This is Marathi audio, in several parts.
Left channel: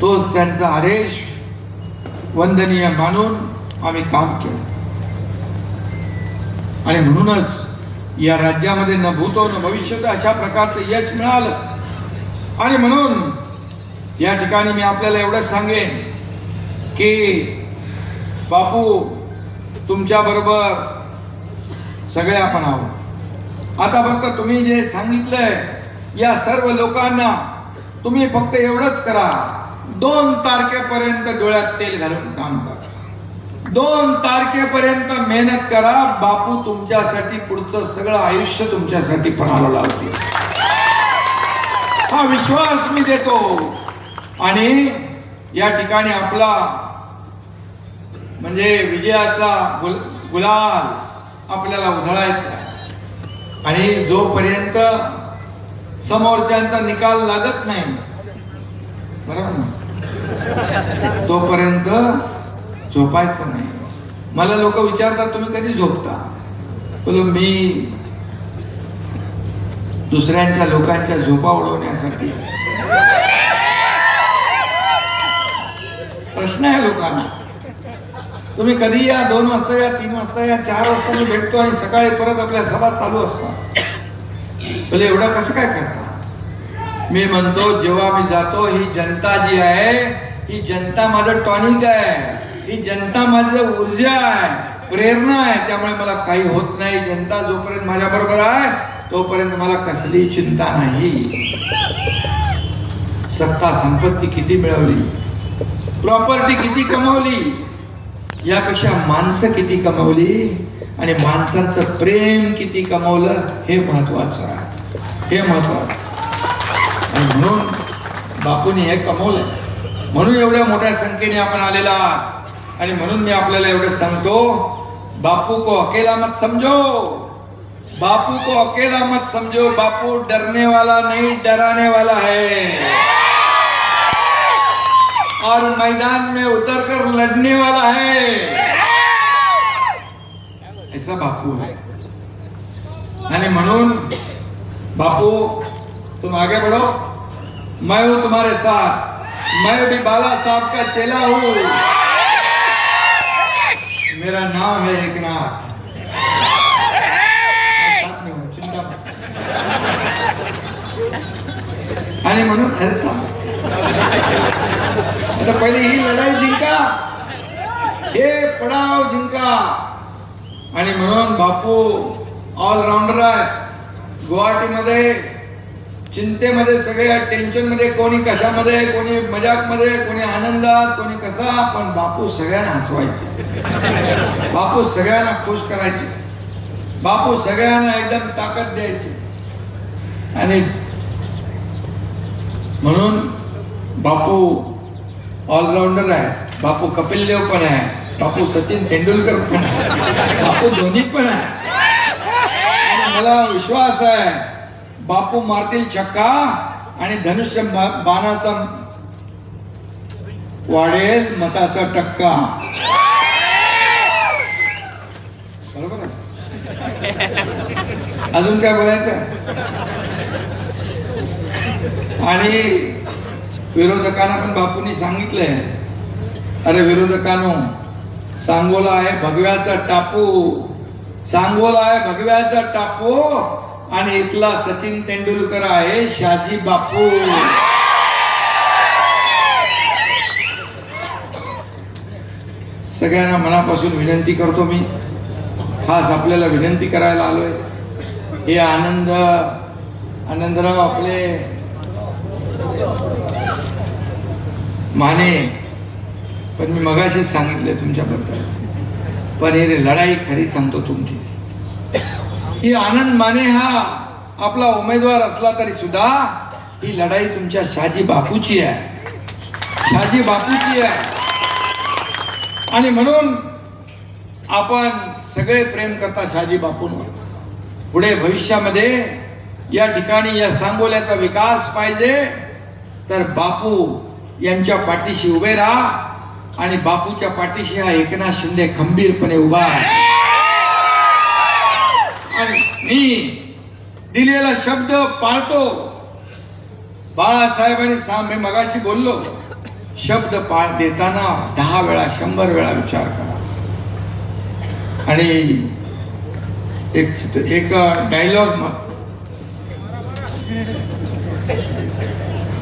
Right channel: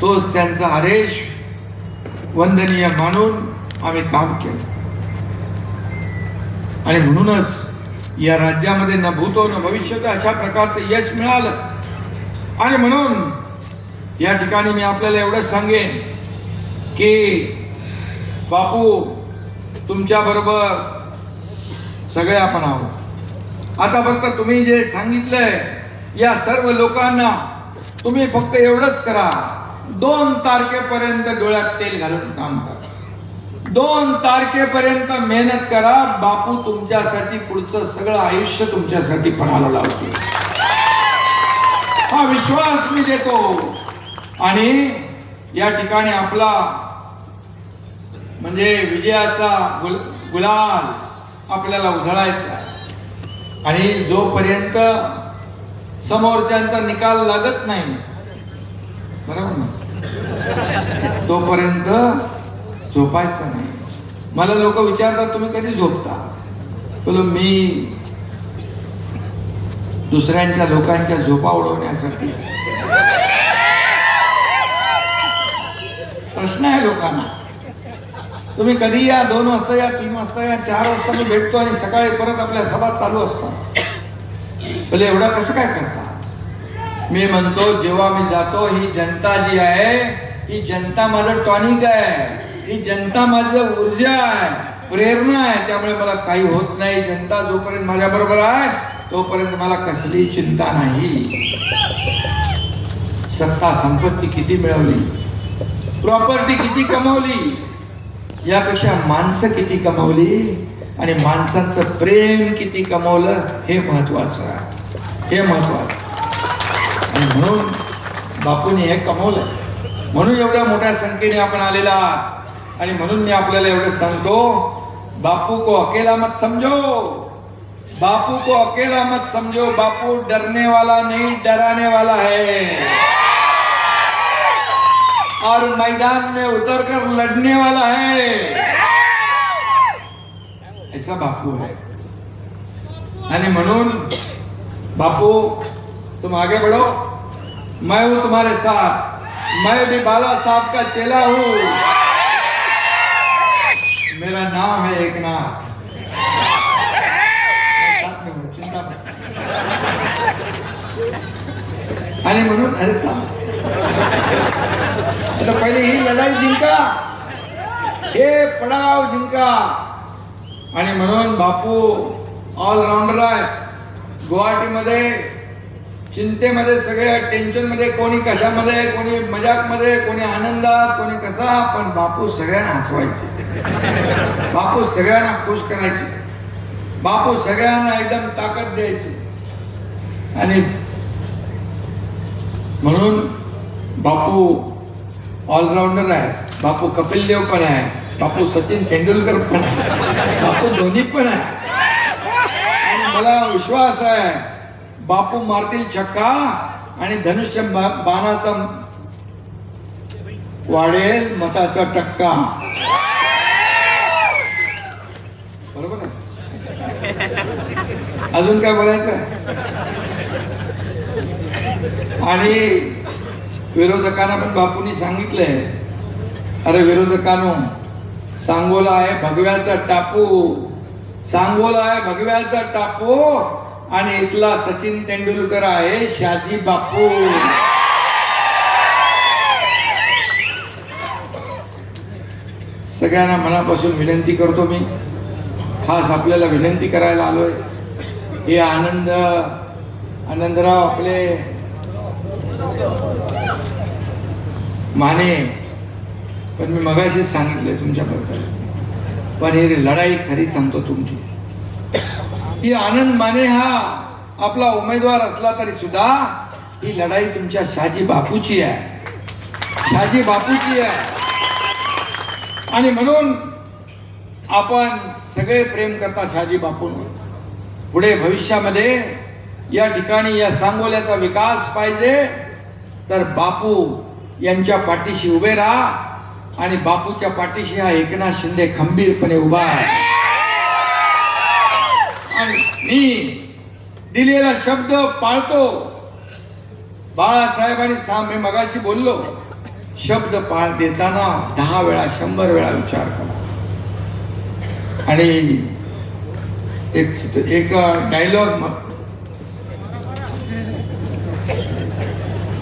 तोच त्यांचा आदेश वंदनीय मानून आम्ही काम केलं आणि म्हणूनच या राज्यामध्ये न भूतो न भविष्यत अशा प्रकारचं यश मिळालं। आणि म्हणून या ठिकाणी मी आपल्याला एवढंच सांगेन की बापू तुमच्या बरोबर सगळे आपण आहोत। आता फक्त तुम्ही जे सांगितलंय या सर्व लोकांना तुम्ही फक्त एवढंच करा, 2 तारखेपर्यंत डोळ्यात तेल घालून काम करा, 2 तारखेपर्यंत मेहनत करा। बापू तुमच्यासाठी पुढचं सगळं आयुष्य तुमच्यासाठी पणाला लावतील, हा विश्वास मी देतो। आणि या ठिकाणी आपला म्हणजे विजयाचा गुलाल आपल्याला उधळायचा आहे आणि जोपर्यंत समोरच्यांचा निकाल लागत नाही, बरोबर ना, तोपर्यंत झोपायचं नाही। मला लोक विचारतात तुम्ही कधी झोपता? बोलो मी दुसऱ्यांच्या लोकांच्या झोपा उडवण्यासाठी प्रश्न आहे लोकांना। तुम्ही कधी या 2 वाजता या 3 वाजता या 4 वाजता मी भेटतो आणि सकाळी परत आपल्या सभा चालू असतात, बोले एवढं कसं काय करता? मी म्हणतो जेव्हा मी जातो ही जनता जी आहे ही जनता माझं टॉनिक आहे, ही जनता माझं ऊर्जा आहे, प्रेरणा आहे। त्यामुळे मला काही होत नाही। जनता जोपर्यंत माझ्या बरोबर आहे तोपर्यंत मला कसली चिंता नाही। सत्ता संपत्ती किती मिळवली, प्रॉपर्टी किती कमवली, यापेक्षा माणसं किती कमवली आणि माणसांचं प्रेम किती कमवलं हे महत्वाचं आहे, हे महत्वाचं। आणि म्हणून बापूंनी हे कमवलं, म्हणून एवढ्या मोठ्या संख्येने आपण आलेला आहात। आणि म्हणून मी आपल्याला एवढं सांगतो, बापू को अकेला मत समझो, बापू को अकेला मत समझो। बापू डरने वाला नहीं डराने वाला है और मैदान में उतरकर लड़ने वाला है, ऐसा बापू है। आणि म्हणून बापू तुम आगे बढ़ो, मैं हूं तुम्हारे साथ, मैं भी बाला साहब का चेला हूं, मेरा नाम है एकनाथ। आणि म्हणून आता पहिले ही लढाई जिंका, हे पडाव जिंका। आणि म्हणून बापू ऑलराऊंडर आहे। गुवाहाटीमध्ये चिंतेमध्ये, सगळ्या टेन्शन मध्ये, कोणी कशामध्ये, कोणी मजाक मध्ये, कोणी आनंदात, कोणी कसा, पण बापू सगळ्यांना हसवायचे, बापू सगळ्यांना खुश करायचे, बापू सगळ्यांना एकदम ताकद द्यायची। आणि म्हणून बापू ऑलराऊंडर आहे, बापू कपिल देव पण आहे, बापू सचिन तेंडुलकर पण आहे, बापू धोनी पण आहे। मला विश्वास आहे बापू मारतील छक्का आणि धनुष्य बाणाचा वाढेल मताचा टक्का, बरोबर आहे? अजून काय बोलायचं? आणि विरोधकांना पण बापूंनी सांगितलंय, अरे विरोधकांनो, सांगोला आहे भगव्याचा टापू, सांगोला आहे भगव्याचा टापू आणि इथला सचिन तेंडुलकर आहे शाजी बापू। सगळ्यांना मनापासून विनंती करतो, मी खास आपल्याला विनंती करायला आलोय। हे आनंदराव आपले माने, पण मी मगाशी सांगितले तुमच्याबद्दल, पण ही लढाई खरी सांगतो तुमची, ही आनंद माने हा आपला उमेदवार असला तरी सुद्धा ही लढाई तुमच्या शाजी बापूची आहे, शाजी बापूची आहे। आणि म्हणून आपण सगळे प्रेम करता शाजी बापूंवर। पुढे भविष्यामध्ये या ठिकाणी या सांगोल्याचा विकास पाहिजे तर बापू यांच्या पाठीशी उभे राहा आणि बापूच्या पाठीशी हा एकनाथ शिंदे खंबीरपणे उभा आहे। आणि मी दिलेला शब्द पाळतो। बाळासाहेबांनी मी मगाशी बोललो, शब्द पाठ देताना 10 वेळा 100 वेळा विचार करा. आणि एक डायलॉग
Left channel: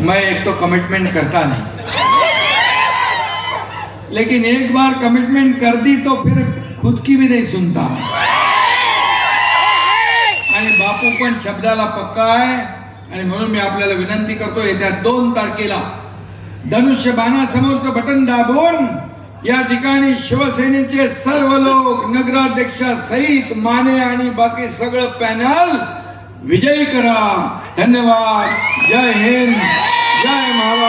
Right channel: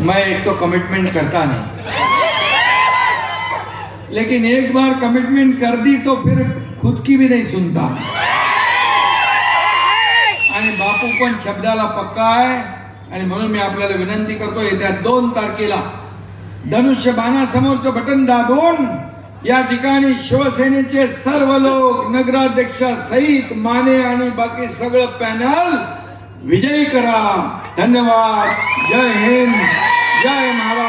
मैं एक तो कमिटमेंट करता नहीं, लेकिन एक बार कमिटमेंट कर दी तो फिर खुद की भी नहीं सुनता. आणि बापू पण शब्दाला पक्का आहे. आणि म्हणून मी आपल्याला विनंती करतो, येत्या 2 तारखेला धनुष्यबाणासमोरचं बटन दाबून या ठिकाणी शिवसेनेचे सर्व लोक, नगराध्यक्षासहित माने आणि बाकी सगळं पॅनल विजयी करा. धन्यवाद. जय हिंद, जय महाराष्ट्र.